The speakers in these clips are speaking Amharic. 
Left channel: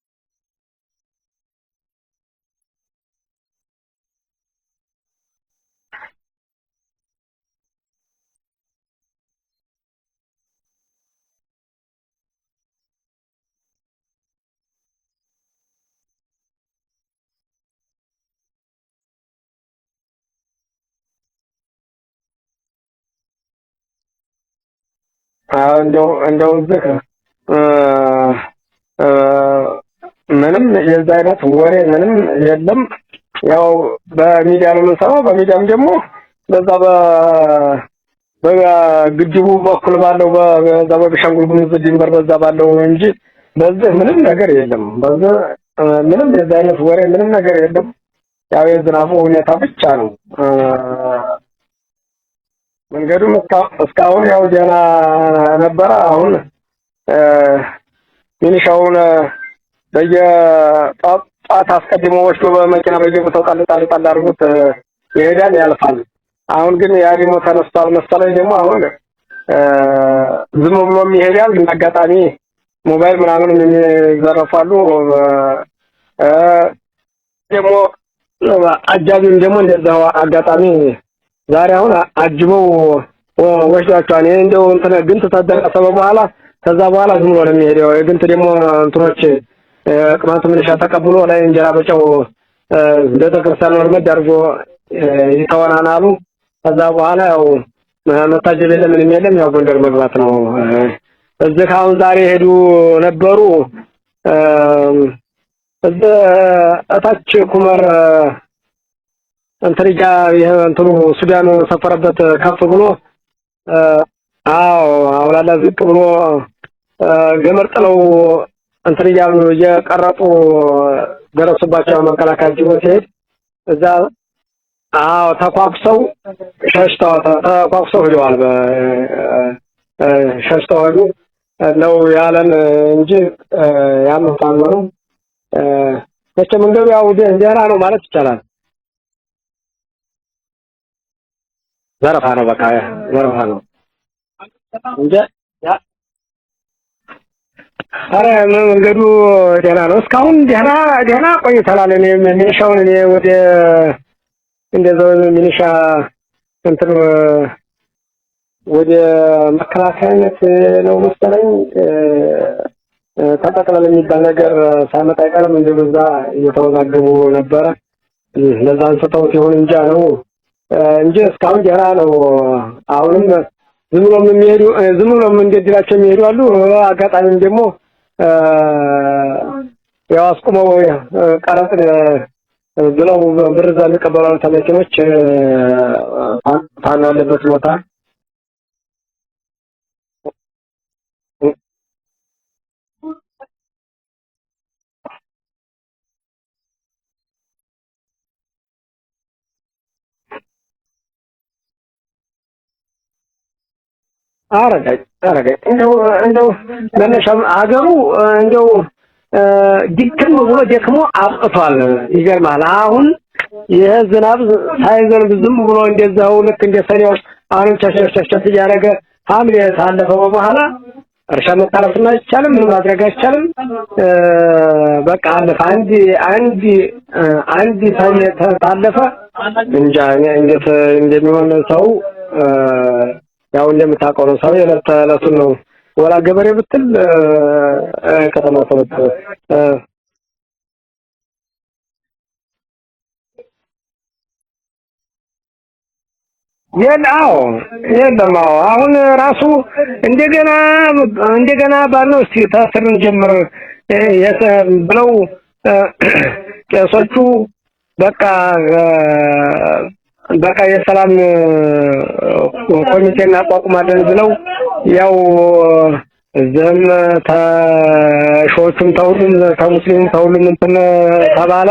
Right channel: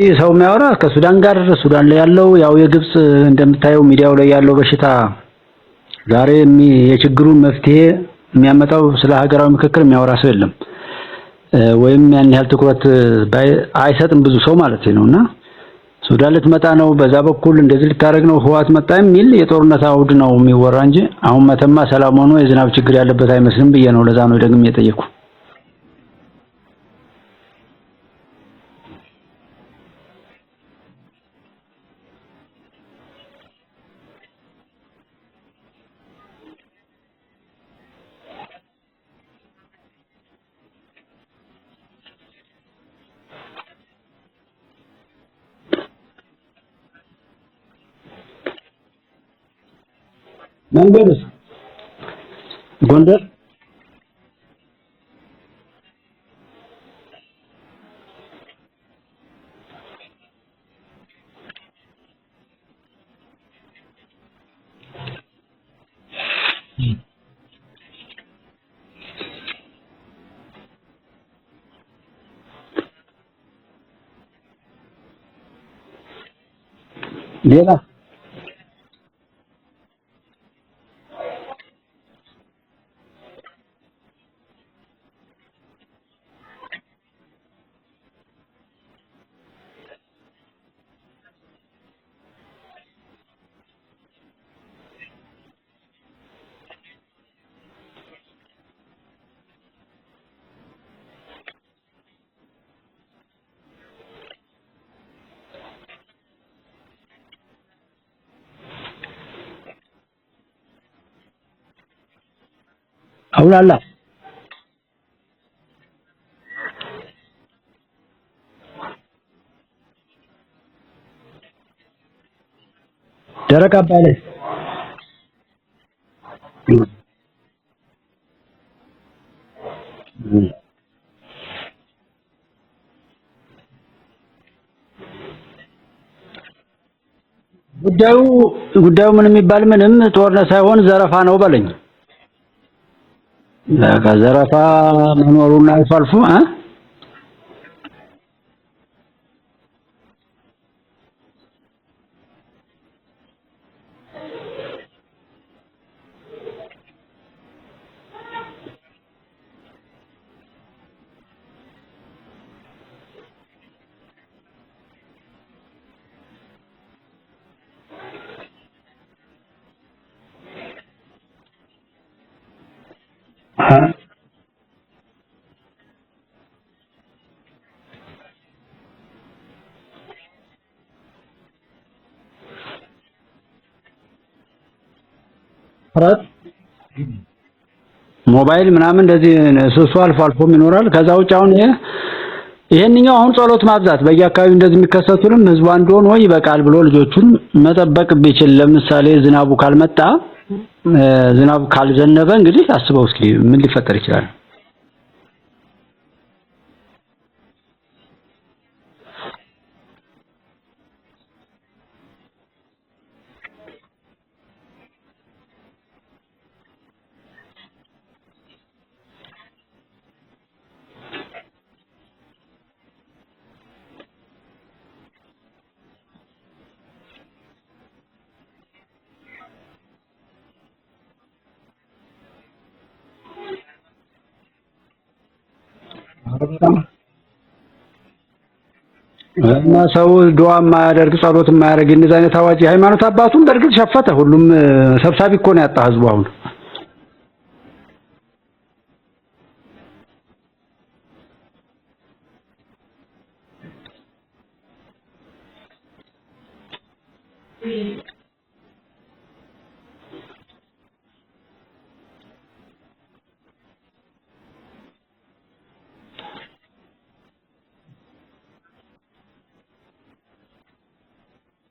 ሰው የሚያወራ ከሱዳን ጋር ሱዳን ላይ ያለው ያው የግብጽ እንደምታየው ሚዲያው ላይ ያለው በሽታ ዛሬ የችግሩን መፍትሄ የሚያመጣው ስለ ሀገራዊ ምክክር የሚያወራ ሰው የለም ወይም ያን ያህል ትኩረት አይሰጥም ብዙ ሰው ማለት ነውና ሱዳን ልትመጣ ነው በዛ በኩል እንደዚህ ልታረግ ነው ህዋት መጣ የሚል የጦርነት አውድ ነው የሚወራ እንጂ አሁን መተማ ሰላም ሆኖ የዝናብ ችግር ያለበት አይመስልም ብዬ ነው ለዛ ነው ደግሜ የጠየቁ እንደው ምንም የዛ አይነት ወሬ ምንም የለም ያው በሚዲያ ነው የምንሰማው በሚዲያም ደግሞ በዛ በግድቡ በኩል ባለው በዛ በቤኒሻንጉል ጉሙዝ ድንበር በዛ ባለው እንጂ በዚህ ምንም ነገር የለም በዚህ ምንም የዛ አይነት ወሬ ምንም ነገር የለም ያው የዝናቡ ሁኔታ ብቻ ነው ጎንደርም እስካሁን ያው ደህና ነበረ አሁን ሚኒሻውን በየጣጣ አስቀድሞ ወስዶ በመኪና በየቦታው ጣል አድርጎት ይሄዳል ያልፋል አሁን ግን ያ ደግሞ ተነስቷል መሰለኝ ደግሞ አሁን ዝም ብሎ ይሄዳል ግን አጋጣሚ ሞባይል ምናምን የሚዘረፋሉ ደግሞ አጃቢም ደግሞ እንደዛው አጋጣሚ ዛሬ አሁን አጅበው ወስዷቸዋል እንደው እንትን ግን ተደረሰ በኋላ ከዛ በኋላ ዝም ብሎ ነው የሚሄደው ግን ደግሞ እንትኖች ቅማንት ምንሻ ተቀብሎ ላይ እንጀራ በጨው እንደተከሰለ ወርመድ አድርጎ ይተወናናሉ ከዛ በኋላ ያው መታጀብ የለም ያው ጎንደር መግባት ነው እዚህ አሁን ዛሬ ሄዱ ነበሩ እታች ኩመር እንትሪጋ እንትኑ ሱዳን ሰፈረበት ከፍ ብሎ አውላላ አውላላ ዝቅ ብሎ ገመርጥለው እንትሪጋ የቀረጡ ደረሱባቸው መከላከያ ጅቦት ሄድ ደረቃ ተቋቁሰው ሄደዋል ሸሽተው ሄዱ ነው ያለን እንጂ ያመጣሉ መንገዱ ያው ደህና ነው ማለት ይችላል ጉዳዩ ምን የሚባል ምንም ጦርነት ሳይሆን ዘረፋ ነው በለኝ ዘረፋ ነው በቃ ዘረፋ ነው ዘረፋ ኖሩና አልፋልፉ አረ መንገዱ ደህና ነው እስካሁን ደህና ቆይተናል እኔ ሚኒሻውን እኔ ወደ እንደዛው ሚኒሻ እንትን ወደ መከላከያነት ነው መሰለኝ ተጠቅላላ የሚባል ነገር ሳይመጣ አይቀርም እንደዛ እየተወዛገቡ ነበረ ለዛ አንስተውት ይሁን እንጃ ነው እንጂ እስካሁን ደህና ነው አሁንም ዝም ብሎም እንደድላቸው የሚሄዱ አሉ አጋጣሚም ደግሞ ያው አስቆመው ቀረጥ ብለው ብር ዘንድ ቀበላው ተመኪኖች ታናለበት ቦታ ሞባይል ምናምን እንደዚህ ሱሱ አልፎም ይኖራል ከዛ ውጭ አሁን ይሄንኛው አሁን ጸሎት ማብዛት በየአካባቢው እንደዚህ የሚከሰቱንም ህዝቡ አንድ ሆኖ ይበቃል ብሎ ልጆቹን መጠበቅ ቢችል ለምሳሌ ዝናቡ ካልመጣ ዝናቡ ካልዘነበ እንግዲህ አስበው እስኪ ምን ሊፈጠር ይችላል አረጋይ እንደው ለነሻም አገሩ እንደው ድክም ብሎ ደክሞ አጥቷል ይገርማል አሁን ይሄ ዝናብ ሳይዘንብ ዝም ብሎ እንደዛው ልክ እንደሰኔው አሁን ቸቸቸቸ ያረገ ሐምሌ ታለፈ በኋላ እርሻ መታረስና አይቻልም ምን ማድረግ አይቻልም በቃ አለፈ አንድ ታለፈ እንጃ እንዴት እንደሚሆን ሰው ያው እንደምታውቀው ነው ሰው የለተለቱን ነው ወላ ገበሬ ብትል ከተማ ሰው ዱዓ ማያደርግ ጸሎት ማያደርግ እንደዚህ አይነት አዋጅ ሃይማኖት አባቱን በርግጥ ሸፈተ ሁሉም ሰብሳቢ እኮ ነው ያጣ ህዝቡ አሁን የለም አሁን ራሱ እንደገና ባለው እስቲ ታስርን ጀምር ብለው ቄሶቹ በቃ የሰላም ኮሚቴ እናቋቁማለን ብለው ያው ዘም ተሾቹም ተሙስሊም ተሁሉም እንትን ተባለ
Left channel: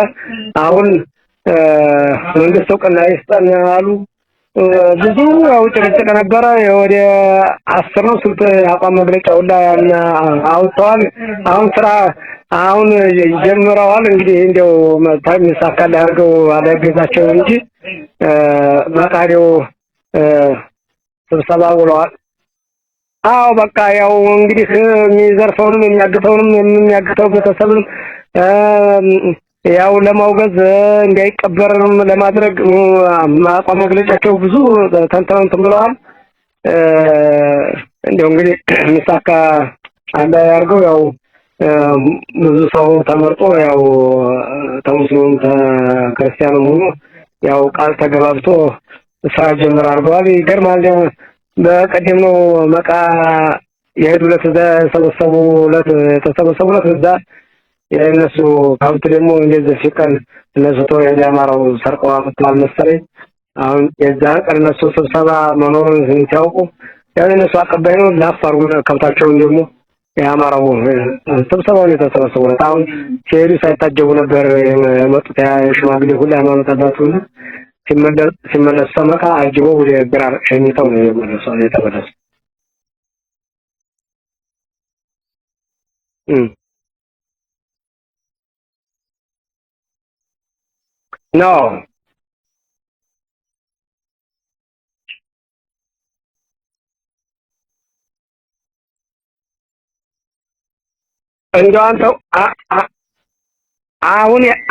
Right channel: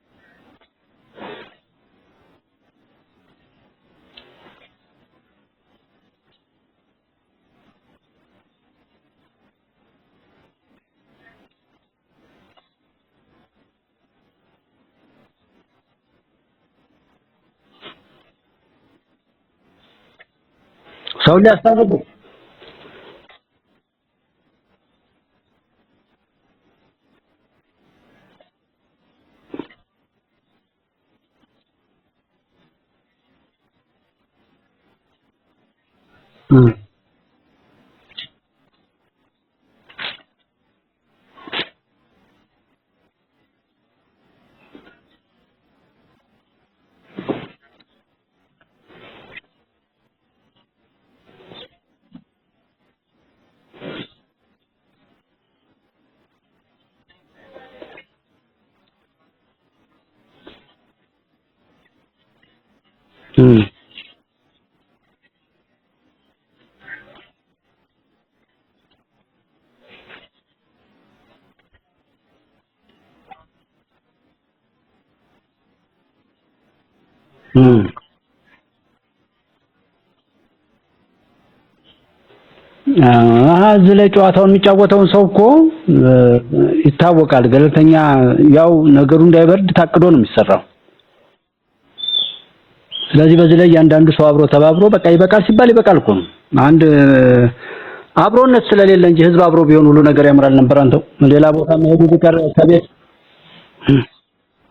አሁን መንግስት እውቅና ይስጠን አሉ ብዙ ያው ጭቅጭቅ ነበረ ወደ 10 ነው ስንት አቋም መግለጫው ላይ አውጥተዋል አሁን ስራ አሁን ጀምረዋል እንግዲህ እንደው ታይምሳካለ አድርገው አለገዛቸው እንጂ መቃሪው ሰው ተባብረዋል አዎ በቃ ያው እንግዲህ የሚዘርፈውንም የሚያግተውንም የሚያግተው ቤተሰብም ያው ለማውገዝ እንዳይቀበርም ለማድረግ አቋም መግለጫቸው ብዙ ተንተን ብለዋል። እንደው እንግዲህ ሚሳካ አንዳ ያርገው ያው ብዙ ሰው ተመርጦ ያው ተሙስሊም ተክርስቲያኑ ሆኖ ያው ቃል ተገባብቶ ስራ ጀምር አድርገዋል። ይገርማል። በቀደም ነው መቃ የሄዱለት እዛ ተሰበሰቡለት እዛ የእነሱ ሀብት ደግሞ እንደዚህ ሲቀን እነሱ ተው የአማራው ሰርቀው አመጣል መሰለኝ። አሁን የዛ ቀን እነሱ ስብሰባ መኖሩን ሲያውቁ ያው እነሱ አቀባይ ነው ላፋሩ ከብታቸውን ደግሞ የአማራው ስብሰባውን የተሰበሰቡለት አሁን ሲሄዱ ሳይታጀቡ ነበር የመጡት የሽማግሌ ሁሉ ሃይማኖት አባቱ ሁሉ ሲመለሱ መቃ አጅበው ወደ ግራር ሸኝተው ነው የተመለሱ። እዚህ ላይ ጨዋታውን የሚጫወተውን ሰው እኮ ይታወቃል። ገለልተኛ ያው ነገሩ እንዳይበርድ ታቅዶ ነው የሚሰራው ነው። ስለዚህ በዚህ ላይ ያንዳንዱ ሰው አብሮ ተባብሮ በቃ ይበቃል ሲባል ይበቃል እኮ ነው። አንድ አብሮነት ስለሌለ እንጂ ህዝብ አብሮ ቢሆን ሁሉ ነገር ያምራል ነበር። አንተው ሌላ ቦታ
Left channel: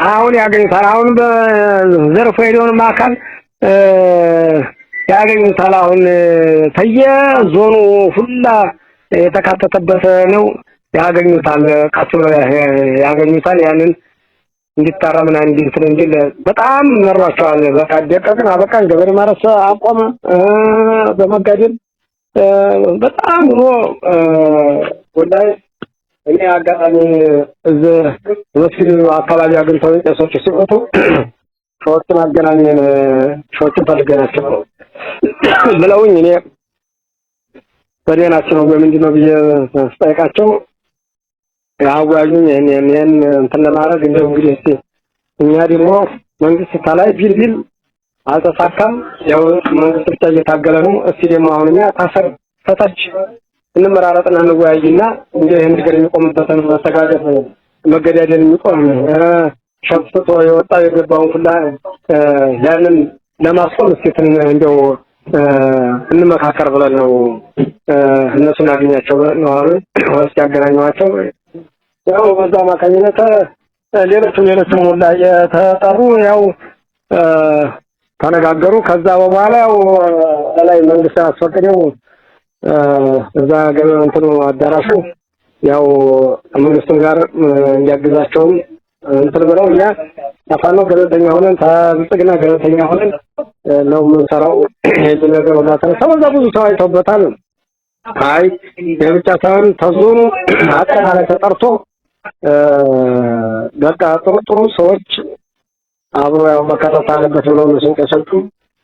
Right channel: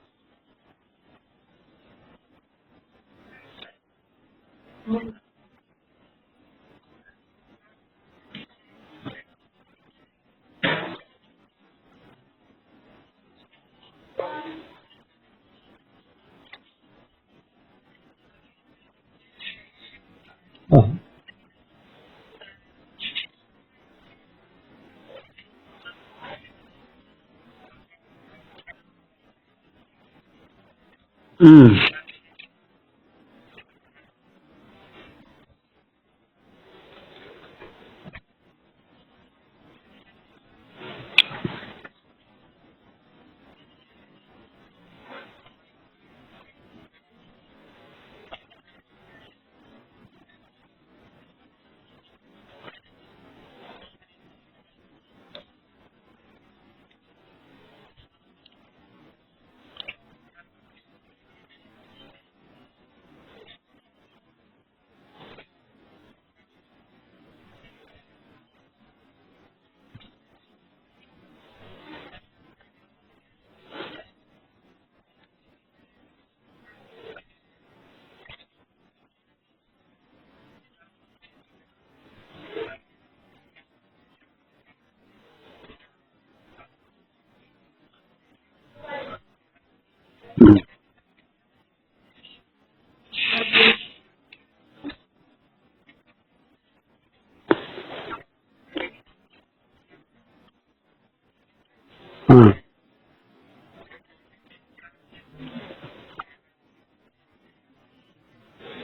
አሁን ያገኙታል። አሁን በዘርፎ ሄደውን ማካል ያገኙታል። አሁን ተየዞኑ ሁላ የተካተተበት ነው ያገኙታል። ቀጥሎ ያገኙታል። ያንን እንዲታረምና እንዲንትን እንጂ በጣም መሯቸዋል። በቃ ደቀቅን አበቃን ገበሬ ማረስ አቆመ በመጋደል በጣም ነው ወላይ እኔ አጋጣሚ እዚህ መስጊድ አካባቢ አግኝተው ቄሶች ሲወጡ ሰዎችን አገናኘን ሰዎችን ፈልገናቸው ብለውኝ እኔ በደናቸው ነው በምንድነው ብዬ ስጠይቃቸው ያዋዩኝ እኔን እንትን ለማድረግ እንደው እንግዲህ እስቲ እኛ ደግሞ መንግስት ታላይ ቢል አልተሳካም። ያው መንግስት ብቻ እየታገለ ነው። እስቲ ደግሞ አሁን እኛ ታሰር ፈታች እንመራረጥና እንወያይና እንደ ይሄን ነገር የሚቆምበትን መተጋገዝ መገዳደል የሚቆም ሸፍቶ የወጣ የገባውን ሁላ ያንን ለማስቆም እስቲ እንደው እንመካከር ብለን ነው እነሱን አገኛቸው ነው አሉ። ወስጥ ያገናኘዋቸው ያው በዛ ማካኝነት ሌሎችም ሁላ የተጠሩ ያው ተነጋገሩ። ከዛ በኋላ ያው ላይ መንግስት አስፈቅደው እዛ ገበያ እንትኑ አዳራሹ ያው መንግስቱን ጋር እንዲያግዛቸው እንትን ብለው እኛ ታፋኖ ገለልተኛ ሆነን ታብጥግና ገለልተኛ ሆነን ነው የምንሰራው። ይሄ ነገር ወላ ተሰበዛ ብዙ ሰው አይቶበታል። አይ የብቻ ሳይሆን ተዞኑ አጠቃላይ ተጠርቶ በቃ ጥሩ ሰዎች አብሮ ያው መከታተል አለበት ብለው ነው ሲንቀሳቀሱ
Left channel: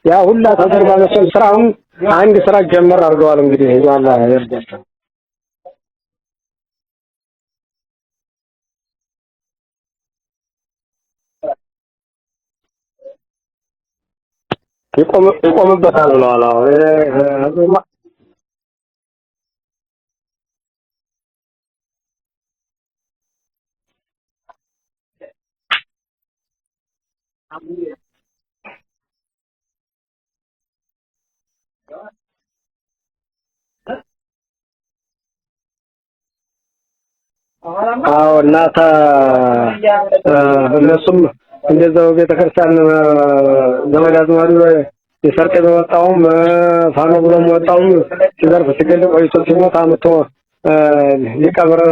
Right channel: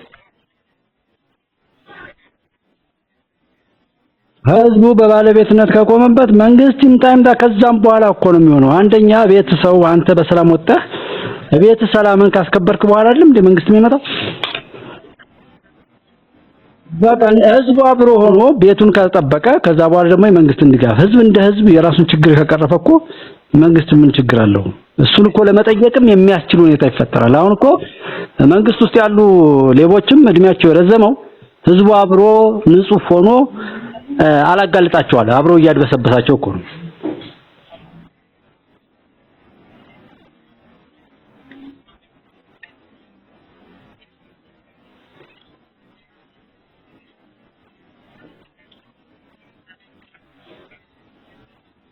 ያ ሁላ ተደርባለች። ስራውን አንድ ስራ ጀመር አድርገዋል። እንግዲህ ያላ ህዝቡ በባለቤትነት ከቆመበት መንግስት ይምጣ ከዛም በኋላ እኮ ነው የሚሆነው። አንደኛ ቤት ሰው አንተ በሰላም ወጣህ ቤት ሰላምን ካስከበርክ በኋላ አይደለም እንደ መንግስት የሚመጣው ይቆምበታል ብለዋል። ህዝቡ አብሮ ሆኖ ቤቱን ከጠበቀ ከዛ በኋላ ደግሞ የመንግስትን ድጋፍ ህዝብ እንደ ህዝብ የራሱን ችግር ከቀረፈ እኮ መንግስት ምን ችግር አለው? እሱን እኮ ለመጠየቅም የሚያስችል ሁኔታ ይፈጠራል። አሁን እኮ መንግስት ውስጥ ያሉ ሌቦችም እድሜያቸው የረዘመው ህዝቡ አብሮ ንጹህ ሆኖ አላጋልጣቸዋል አብሮ እያድበሰበሳቸው እኮ ነው። አዎ እናታ እነሱም እንደዛው ቤተክርስቲያን ዘመድ አዝማዱ የሰርቀ በወጣውም ፋኖ ብሎም ወጣውም ሲዘርፍ ሲገል ቆይቶ ሲሞት አምጥቶ ሊቀብር